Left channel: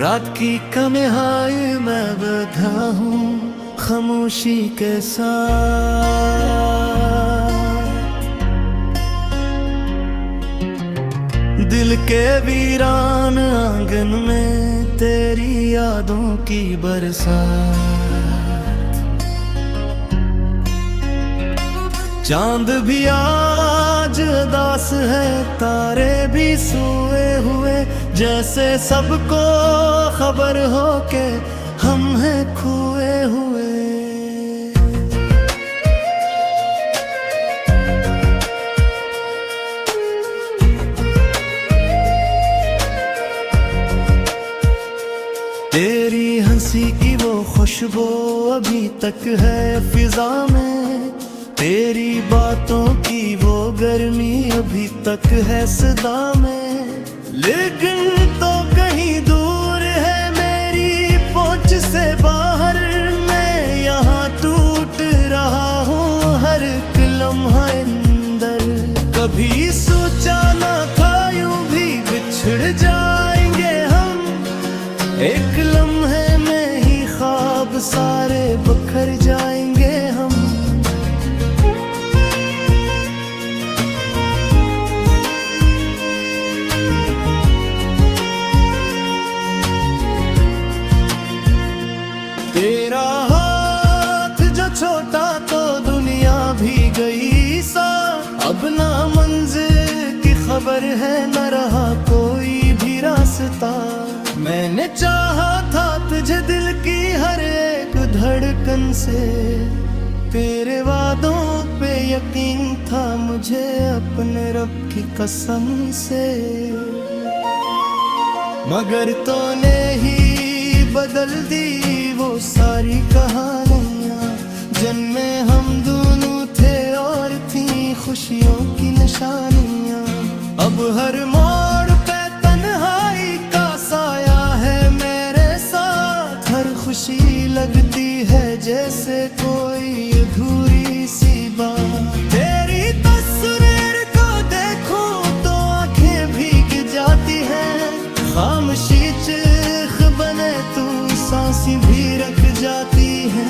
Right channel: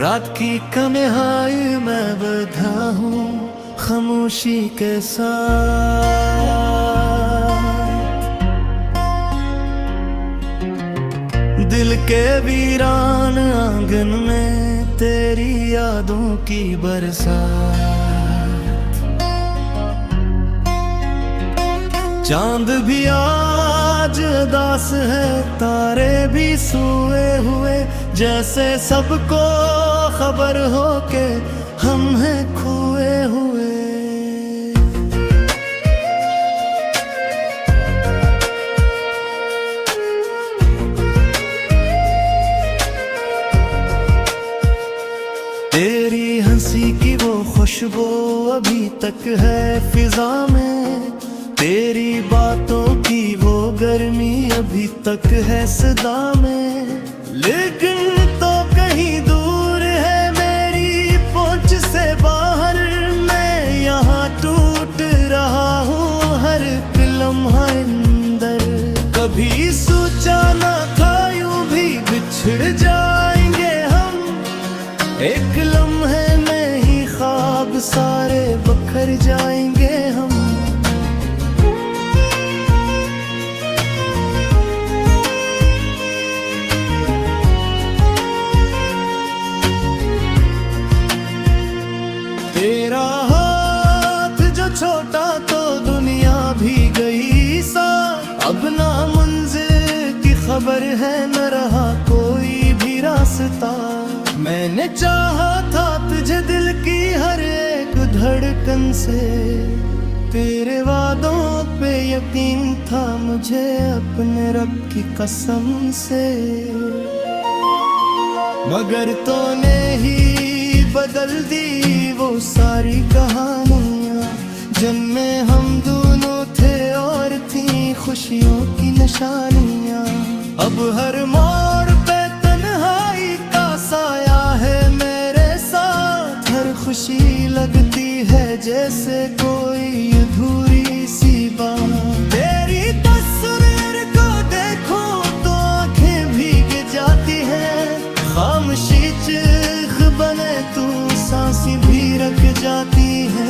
रात की कमिहाई मैं बधा हूँ खामोशी के साथ। दिल के वीरान आंगन में तेरी यादों की बरसात। चांद भी आज उदास है, तारे भी सोए हुए, जैसे सबको खबर हो के हम हैं खोए हुए। तेरी हंसी की वो खुशबू अभी तक है फिजा में, तेरी बातों की वो गर्मी अभी तक है सदा में। लेकिन तो कहीं दूर है मेरी पहुंच से बाहर, मैं यहाँ टूट रहा हूँ हर एक लम्हा अंदर। कभी सोचा ना था यूं भी बिछड़ जाएंगे हम, एक लम्हे में ही ख्वाब सारे बिखर जाएंगे हम। तेरा हाथ जो छोटा तो दुनिया भी गई साथ, अब ना मंजिल की खबर है न रहा कोई भी रास्ता। मैंने चाहा था तुझे दिल की हर एक धड़कन से, तेरे वादों पे यकीन था मुझे अपने रब की कसम से। मगर तूने ही बदल दी वो सारी कहानियाँ जिनमें हम दोनों थे और थी खुशियों की निशानियाँ। अब हर मोड़ पे तन्हाई का साया है मेरे साथ, हर खुशी लगती है जैसे कोई अधूरी सी बात। तेरी तस्वीर को देखो तो आंखें भीग जाती हैं, खामोशी चीख बने तू सांसें भी रख जाती है।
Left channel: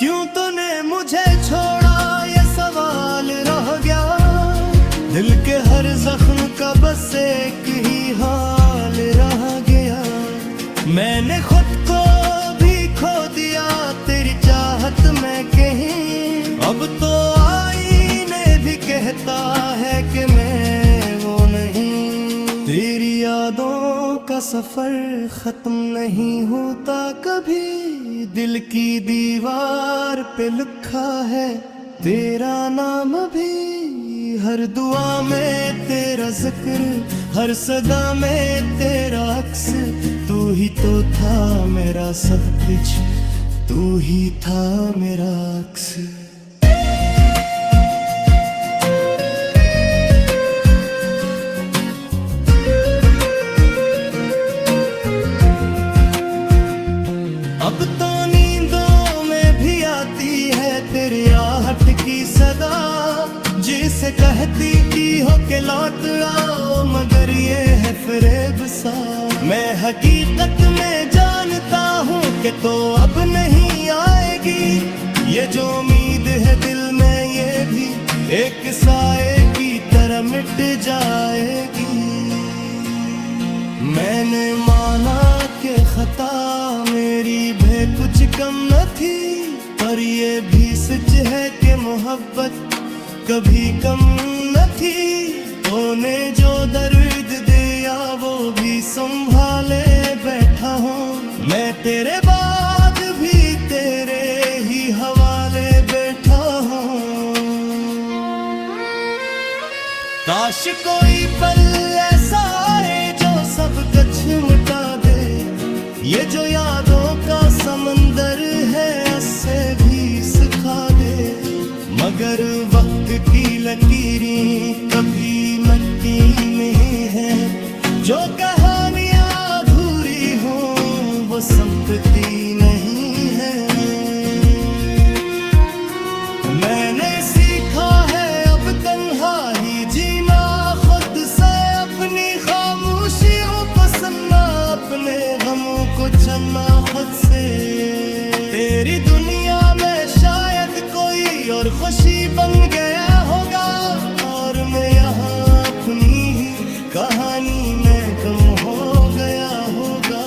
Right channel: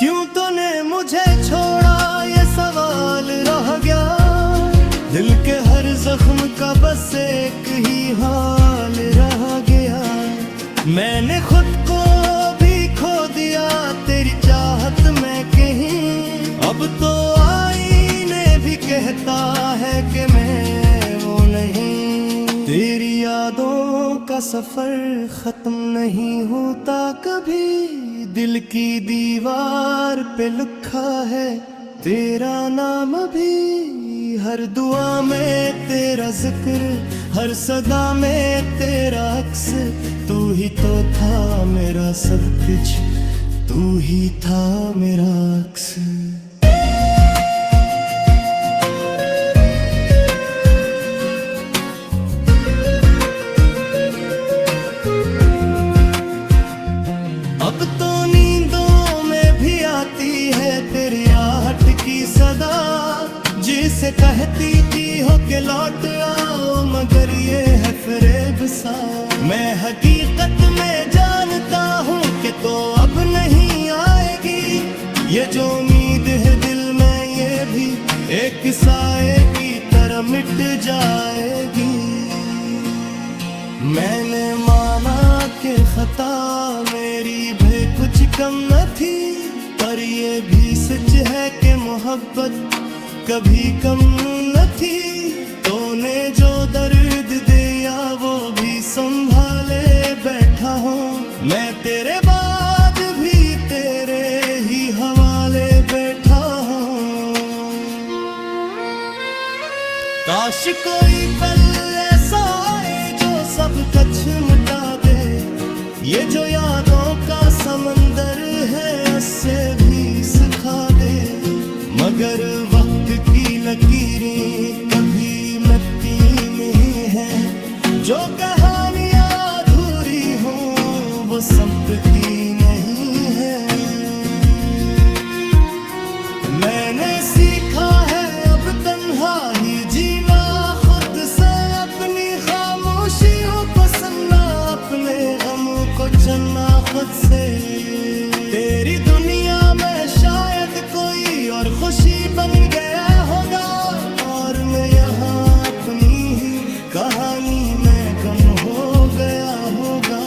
क्यों तूने मुझे छोड़ा ये सवाल रह गया, दिल के हर जख्म का बस एक ही हाल रह गया। मैंने खुद को भी खो दिया तेरी चाहत में कहीं, अब तो आईने भी कहता है कि मैं वो नहीं। तेरी यादों का सफर खत्म नहीं होता कभी, दिल की दीवार पे लिखा है तेरा नाम अभी। हर दुआ में तेरा जिक्र, हर सदा में तेरा अक्स, तू ही तो था मेरा सब कुछ, तू ही था मेरा अक्स। अब तो नींदों में भी आती है तेरी आहट की सदा, जिसे कहती थी हो के लौट आओ मगर ये है फरेब सा। मैं हकीकत में जानता हूँ कि तो अब नहीं आएगी, ये जो उम्मीद है दिल में ये भी एक साए की तरह मिट जाएगी। मैंने माना कि खता मेरी भी कुछ कम न थी, पर ये भी सच है कि मोहब्बत कभी कम न थी। तूने जो दर्द दिया वो भी संभाले बैठा हूँ, मैं तेरे बाद भी तेरे ही हवाले बैठा हूँ। काश कोई पल ऐसा आए जो सब कुछ मिटा दे, ये जो यादों का समंदर है उससे भी सिखा दे। मगर वक्त की लकीरें कभी मिटती नहीं है, जो कहानियां अधूरी हो वो संपत्ति नहीं है। अपने गमों को चुनना खुद से। तेरी दुनिया में शायद कोई और खुशी बन गया होगा, और मैं यहाँ अपनी ही कहानी में गम हो गया होगा।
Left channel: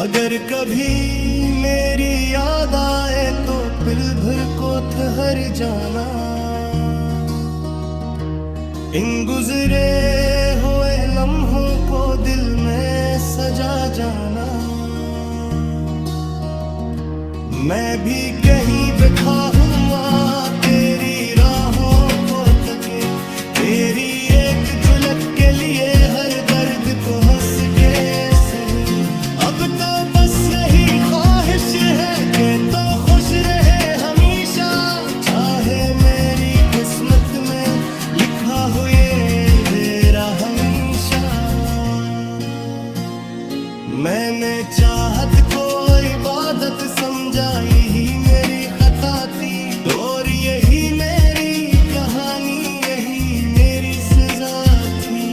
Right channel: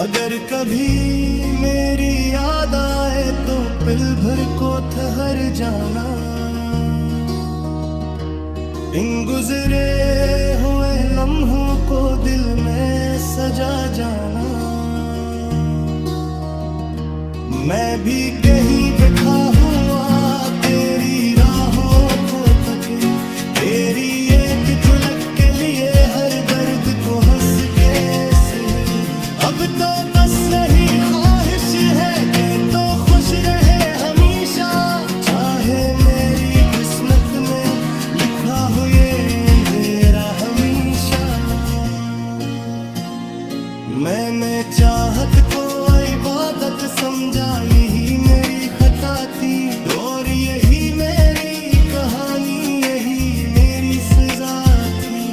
अगर कभी मेरी याद आए तो पल भर को ठहर जाना, इन गुजरे हुए लम्हों को दिल में सजा जाना। मैं भी कहीं बैठा हुआ तेरी राहों को तके, तेरी एक झलक के लिए हर दर्द को हंस के सहे। अब तो बस यही ख्वाहिश है कि तो खुश रहे हमेशा, चाहे मेरी किस्मत में लिखा हो ये अंधेरा हमेशा। मैंने चाहत को इबादत समझा, यही मेरी खता थी, और यही मेरी कहानी, यही मेरी सजा थी।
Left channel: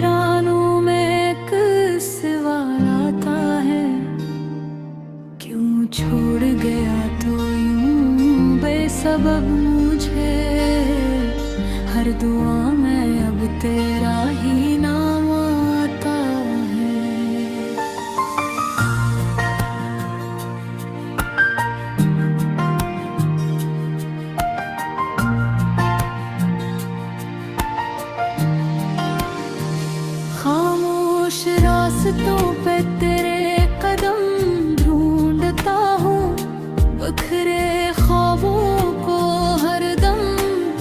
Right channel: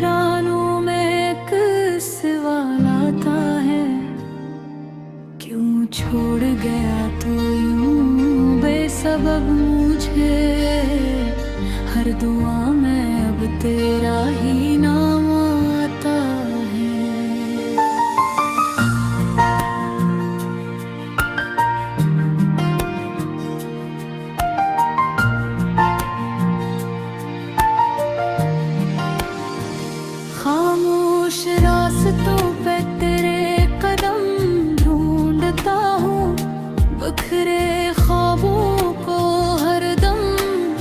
रानों में एक सवाल आता है, क्यों छोड़ गया तो यूं बेसबब मुझे। हर दुआ में अब तेरा ही नाम आता है। खामोश रास्तों पे तेरे कदम ढूंढता हूँ, बिखरे ख्वाबों को हरदम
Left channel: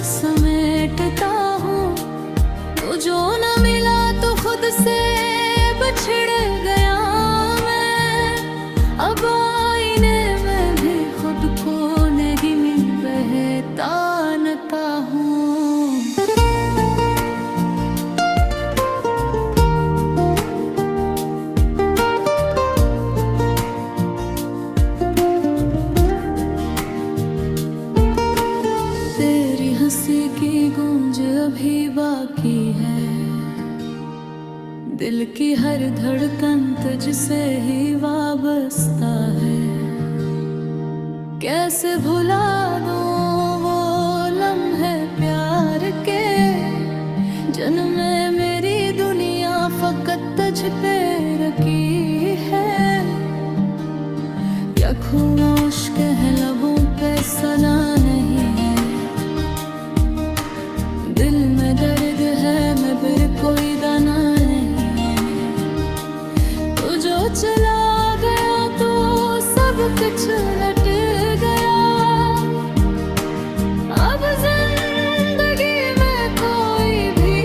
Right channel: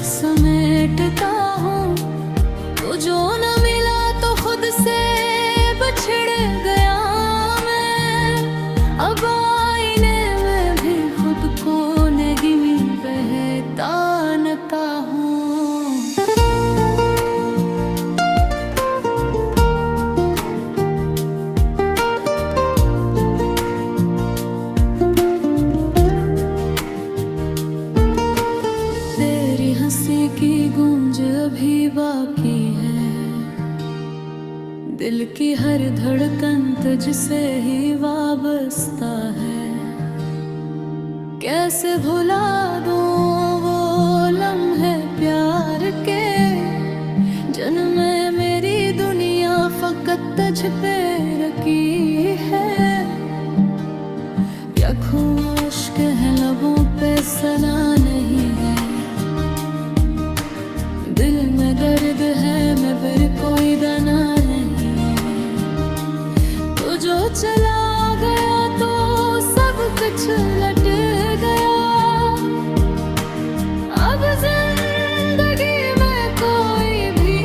समेटता हूँ। वो जो न मिला तो खुद से बिछड़ गया मैं, अब आईने में भी खुद को नेगी में पहचानता हूँ। हंसी की गूंज अभी बाकी है, दिल की हर धड़कन तुझसे ही वाबस्ता है। कैसे भुला दूं वो लम्हे प्यार के, जिनमें मेरी दुनिया फकत तुझ पे रखी है। या खामोश कह लबों पे सना नहीं है, दिल में दर्द है मगर कोई दाना नहीं। तो जो चला गया तो सब कुछ लट गया, अब जिंदगी में कोई भी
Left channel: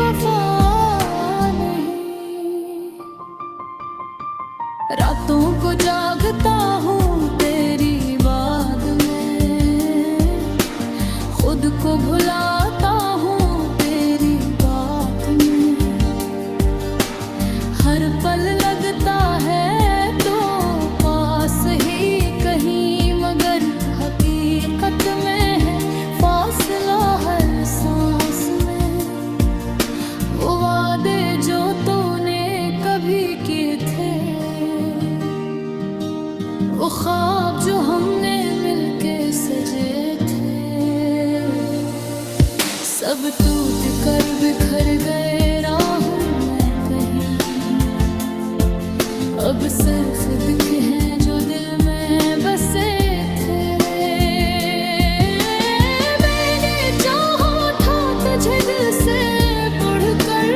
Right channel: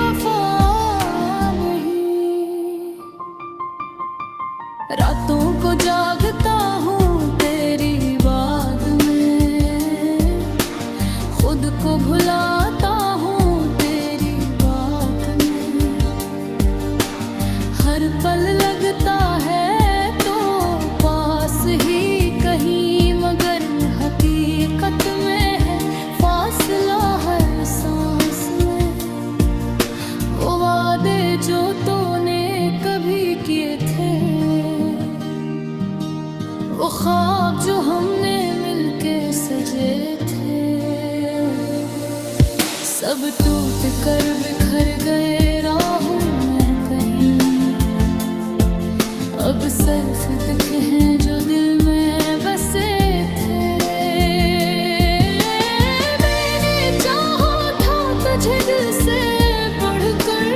वफा नहीं। रातों को जागता हूँ तेरी बात में, खुद को भुलाता हूँ तेरी बात में। हर पल लगता है तो पास ही कहीं, मगर हकीकत में है फासला हर सांस में। वो वादे जो तूने कभी किए थे, वो ख्वाब जो हमने मिलके सजे थे, सब टूट कर बिखर गए राहों में कहीं। अब सिर्फ दिख हैं जो दिल में बसे थे। मैंने चाहा था तुझे दिल से बढ़कर,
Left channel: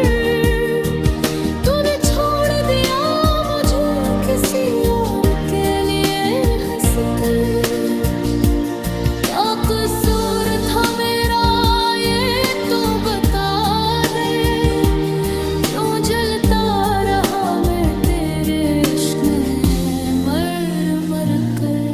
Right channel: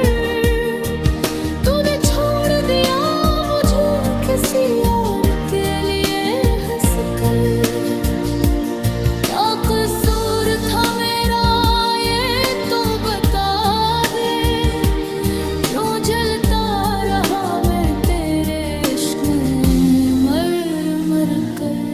तूने छोड़ दिया मुझे किसी और के लिए हंसकर। क्या कसूर था मेरा ये तो बता दे, क्यों जलता रहा मैं तेरे इश्क में मर मर कर।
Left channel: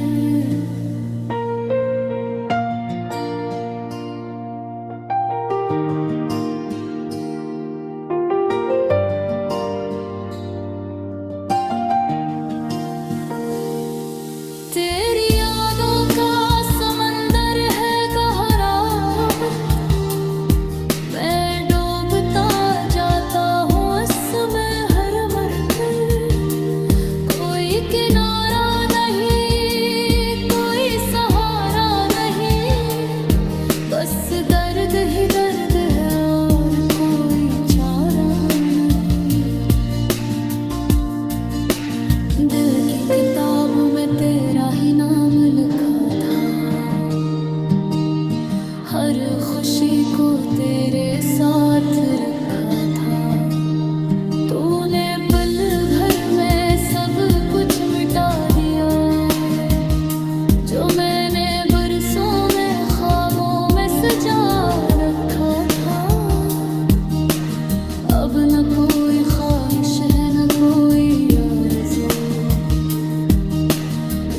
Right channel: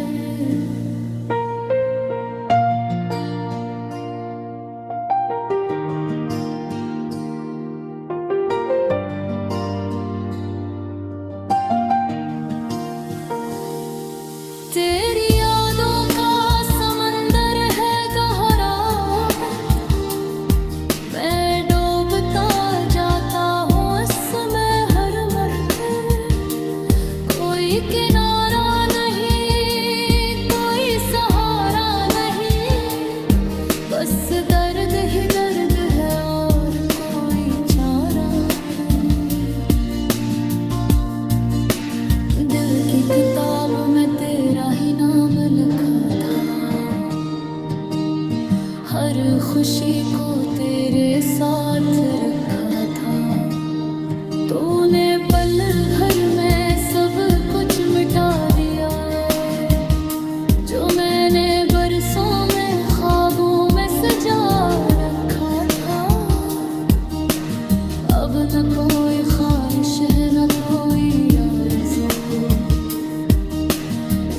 दिल की किताब में तेरा ही नाम लिखा था, हर खुशी को तेरे साथ रखा था। तूने पल भर में सब कुछ मिटा दिया, जो मैंने बरसों में ख्वाबों में सजा रखा था। अब न कोई ख्वाहिश है न कोई आरज़ू,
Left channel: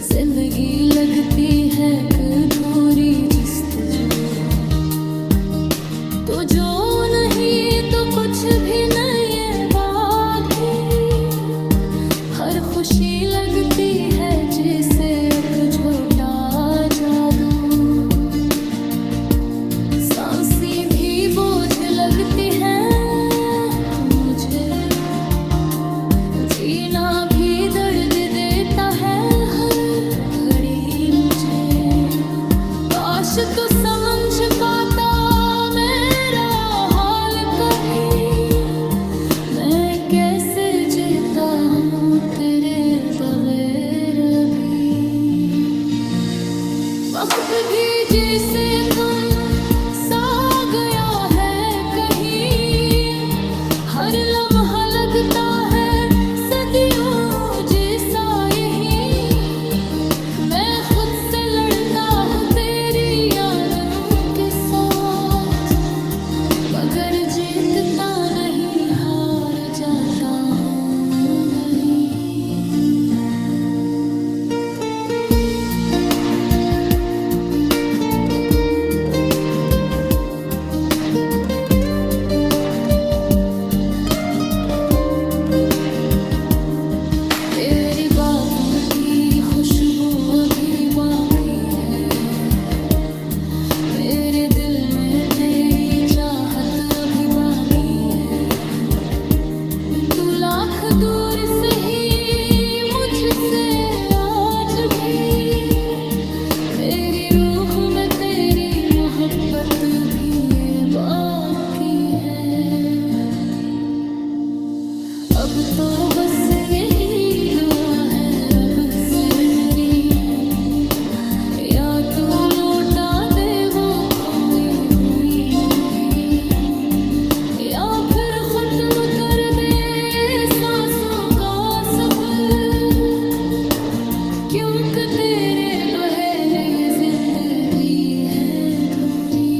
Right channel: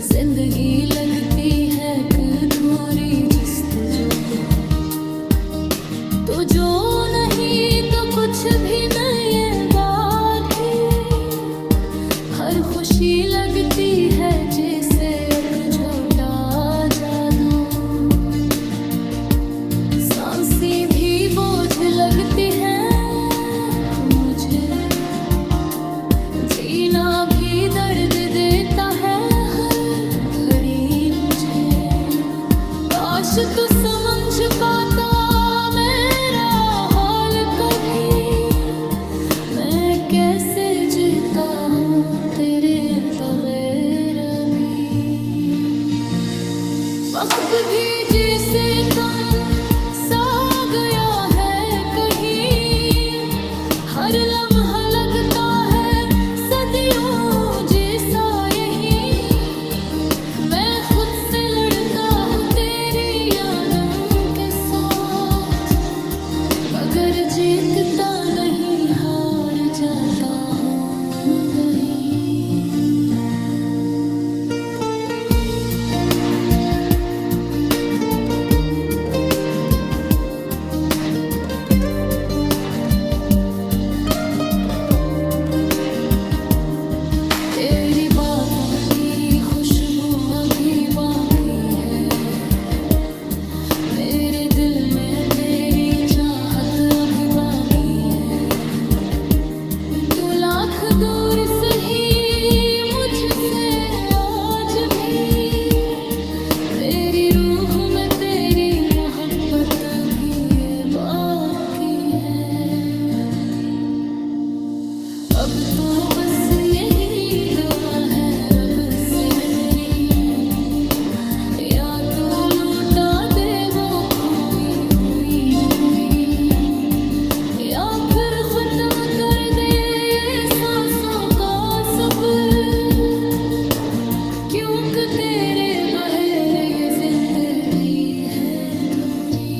जिंदगी लगती है अधूरी जस्तजू। तो जो नहीं तो कुछ भी नहीं है बाकी, हर खुशी लगती है जैसे एक झोटा जादू। सांसें भी बोझ लगती है तू मुझे, जीना भी दर्द देता है हर घड़ी मुझे। काश तू समझ पाता मेरा हाल कभी, मैं कैसे जीता हूँ तेरे बगैर भी। वक्त भी जैसे तुम सा गया है कहीं, हर लम्हा लगता है सदियों जैसा यही। मैं खुद से लड़ता हूँ तेरी यादों के साथ, मगर जीतता नहीं हार जाता हूँ वही। तेरी बातों की खुशबू अभी बाकी है, मेरे दिल में तेरी चाहत अभी बाकी है। तू लाख दूर सही मुझसे आज भी, मेरी रूह में तेरी मोहब्बत भी ये बाकी है। अब तो बस यही दुआ है रब से मेरी, या तू लौटा दे वो खोई हुई दूरी, या फिर खत्म कर दे ये सांसों का सफर। क्योंकि तेरे बगैर ये जिंदगी है अधूरी।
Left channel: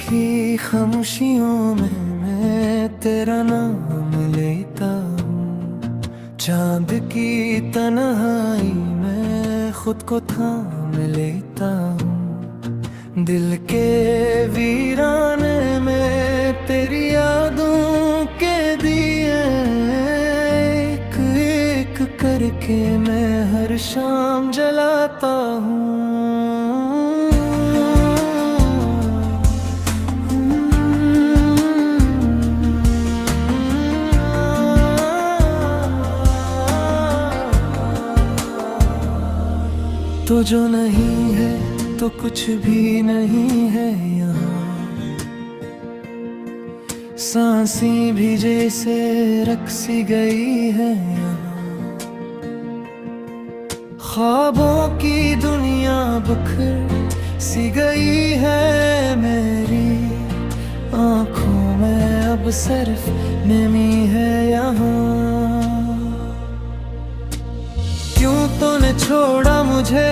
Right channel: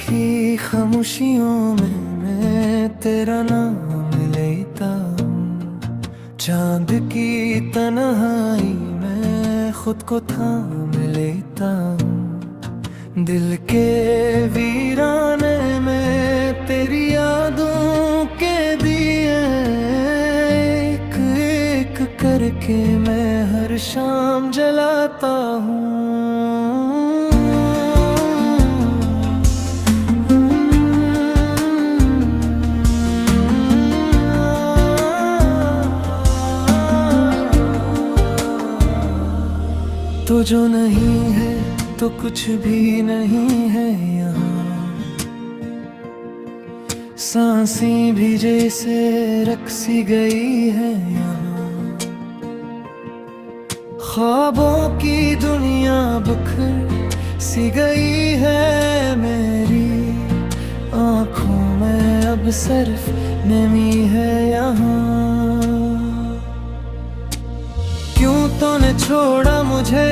की खामोशियों में मैं तेरा नाम लेता हूँ, चांद की तन्हाई में खुद को थाम लेता हूँ। दिल के वीराने में तेरी यादों के दिए एक एक करके मैं हर शाम जलाता हूँ। तो जो नहीं है तो कुछ भी नहीं है यहाँ, सांसें भी जैसे रक्सी गई है यहाँ। ख्वाबों की दुनिया बिखर सी गई है मेरी, आँखों में अब सिर्फ नमी है यहाँ। क्यों तूने छोड़ा मुझे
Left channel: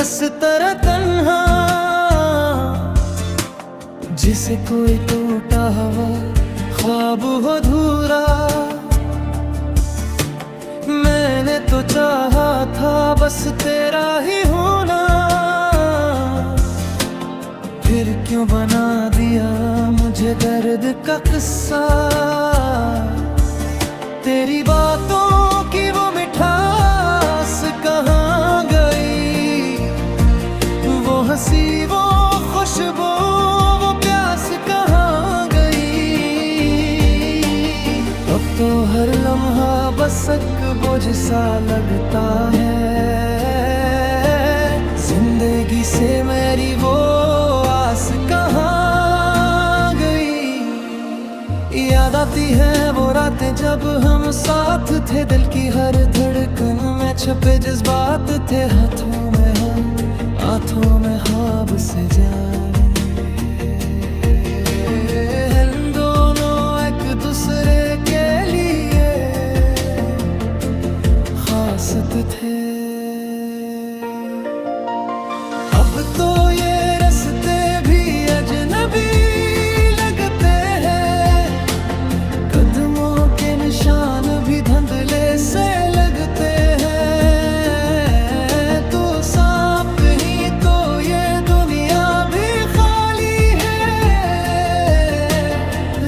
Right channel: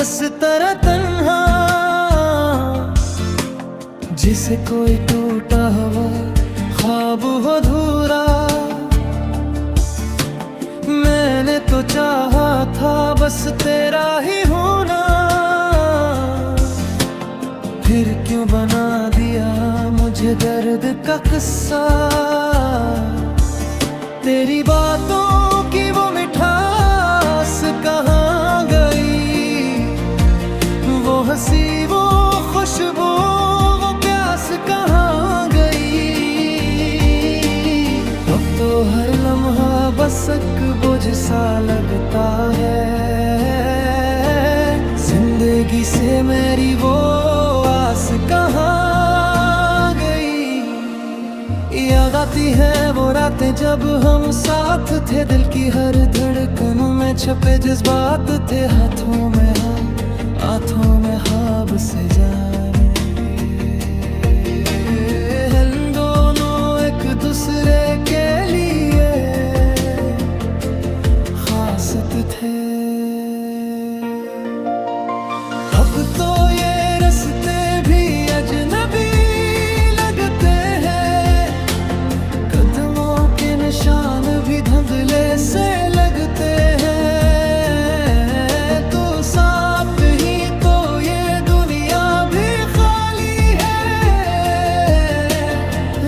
इस तरह तन्हा, जिसे कोई टूटा हुआ ख्वाब हो अधूरा। मैंने तो चाहा था बस तेरा ही होना, फिर क्यों बना दिया मुझे दर्द का किस्सा। तेरी बातों की वो मिठास कहाँ गई, वो हंसी वो खुशबू वो प्यास कहाँ गई। अब तो हर लम्हा बस एक बोझ सा लगता है, जिंदगी से मेरी वो आस कहाँ गई। याद आती है वो रातें जब हम साथ थे, दिल की हर धड़कन में छपे जज्बात थे। हाथों में हाथ आँखों में ख्वाब से जाने, हम दोनों एक दूसरे के लिए खास थे। अब तो ये रास्ते भी अजनबी लगते हैं, कदमों के निशान भी धुंधले से लगते हैं। तो साथ ही तो ये दुनिया भी खाली है,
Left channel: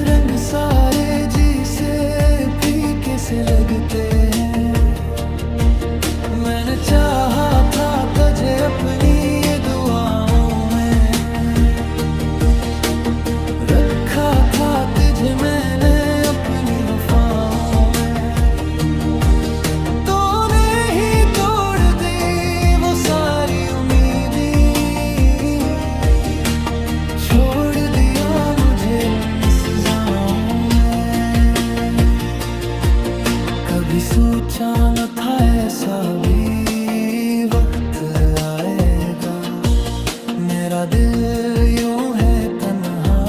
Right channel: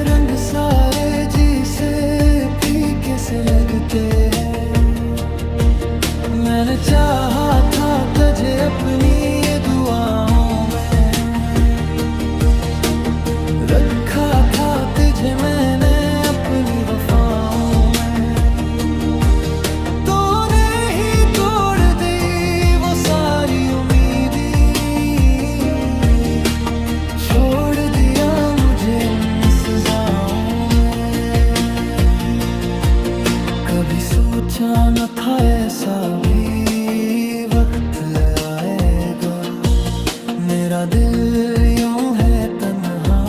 रंग सारे जी से फीके से लगते हैं। मैंने चाहा था तुझे अपनी ये दुआओं में, रखा था तुझे मैंने अपनी वफाओं में। तूने ही तोड़ दी वो सारी उम्मीदें, छोड़ दिया मुझे इन सजाओं में। कभी सोचा न था ऐसा भी वक्त आएगा, मेरा दिल यूं है तन्हा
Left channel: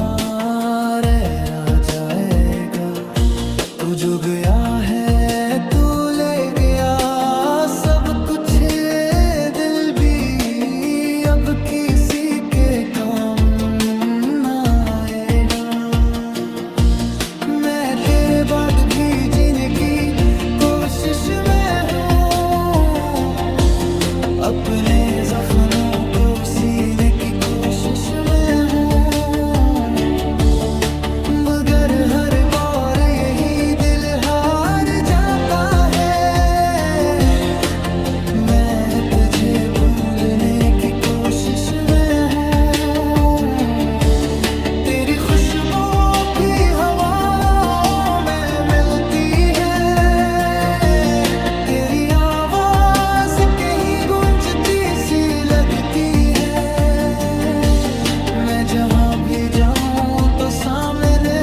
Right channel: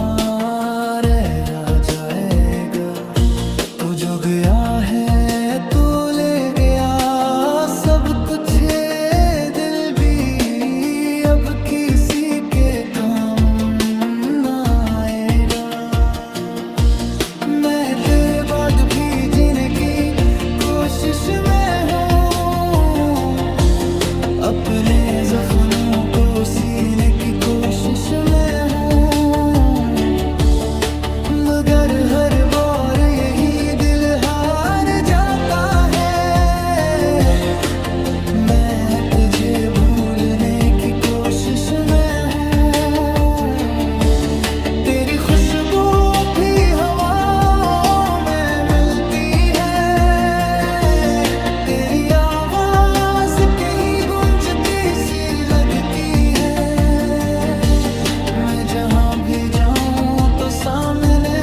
रह जाएगा। तू जो गया है तू ले गया सब कुछ, दिल भी अब किसी के काम ना आएगा। मैं तेरे बाद भी जीने की कोशिश में हूँ, अपने जख्मों को सीने की कोशिश में हूँ। मगर हर बार यही दिल हार जाता है, मैं तुझे भूलने की कोशिश में हूँ। तेरी खुशबू भी हवाओं में मिलती है, तेरी आवाज कहीं गूंजती सी लगती है। मैं जहाँ भी जाऊँ तो सामने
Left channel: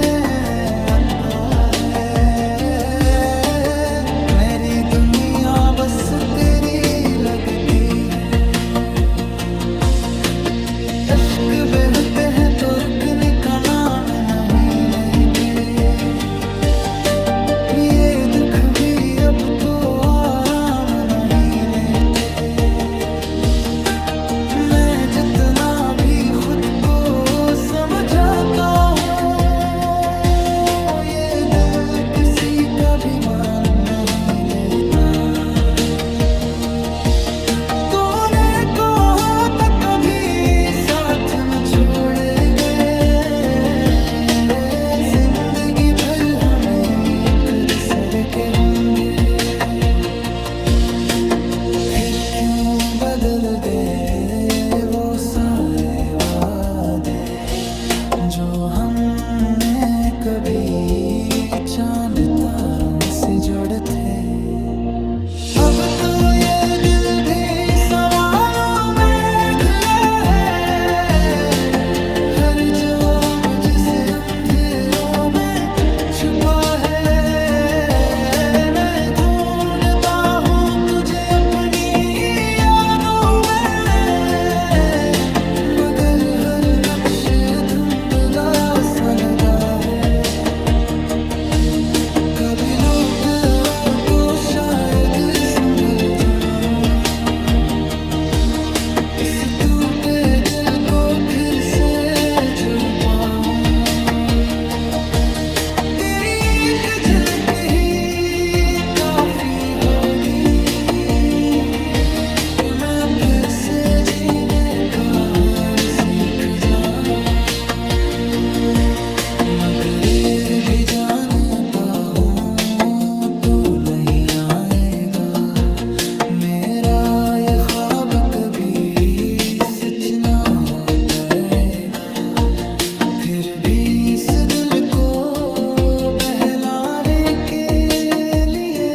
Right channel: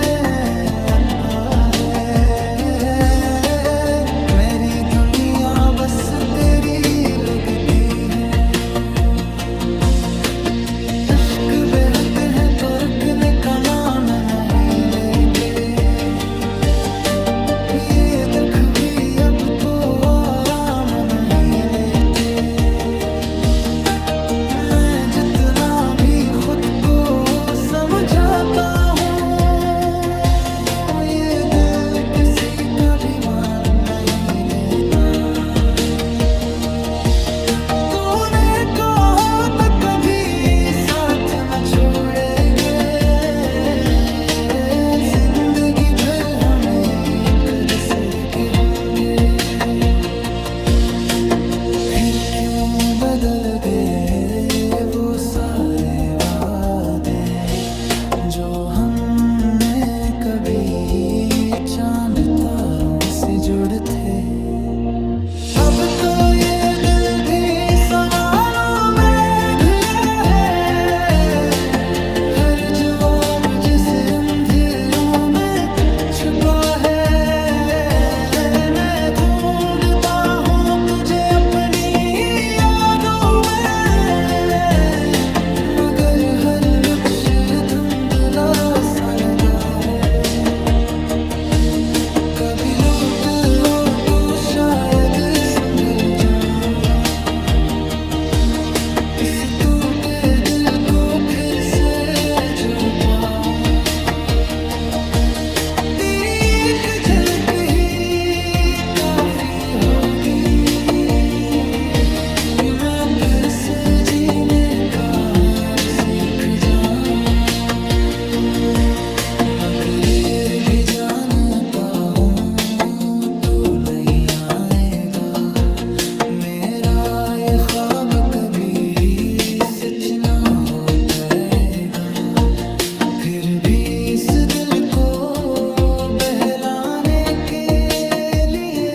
आता है, मेरी दुनिया बस तेरी लगती है। अश्क बहते हैं तो रुकने का नाम नहीं लेते, ये दुख भी अब तो आराम नहीं लेते। मैं जितना भी खुद को समझाता हूँ, ये दिल किसी का भी मान नहीं लेता। तूने कहा था कभी साथ न छोड़ेंगे, जिंदगी भर हमें एक दूसरे के होंगे। फिर क्यों बदल गए वो सारे वादे, जो हमने कभी चांद तारों से जोड़े थे। अब तो ये दिल भी सवालों में घिरा है, हर जवाब जिसे अंधेरों में छुपा है। मैं ढूंढता हूँ तुझे अपनी यादों में, मगर हर नक्श धुंधला सा लगा है। कभी लौट आओ तो शायद संभल जाऊं, इस टूटे दिल को फिर से जुड़ पाऊं। तेरी एक झलक ही काफी होगी, मैं फिर से जीने का हार सीख जाऊं। मगर ये भी जानता हूँ तो नहीं आएगा मेरा कभी सच ना हो पाएगा, फिर भी इस दिल को बहलाने के लिए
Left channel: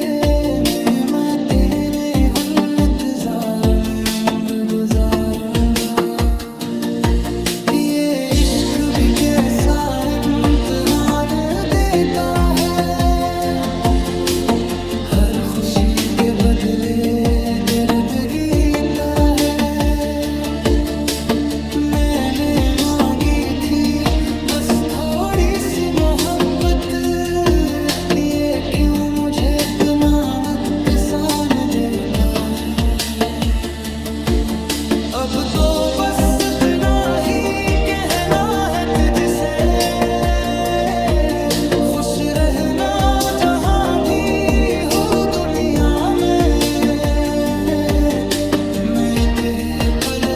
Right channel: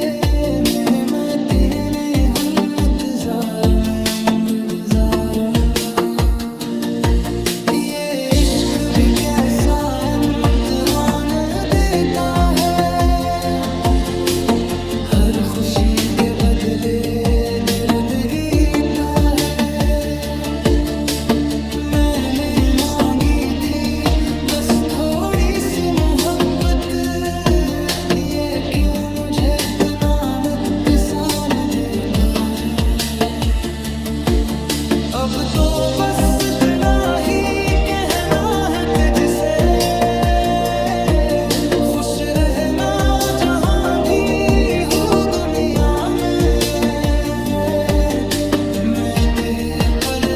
मैं तेरे हम इंतजार में उम्र गुजारूंगा। ये इश्क भी कैसा इम्तिहान देता है, हर खुशी के बदले दर्द गीता है। मैंने मांगी थी बस थोड़ी सी मोहब्बत, ये क्यों मुझे इतना नुकसान देता है। अब तो बस इतना ही कहना है तुझसे, खुश रहना जहां भी हूँ दुनिया में। मैं पल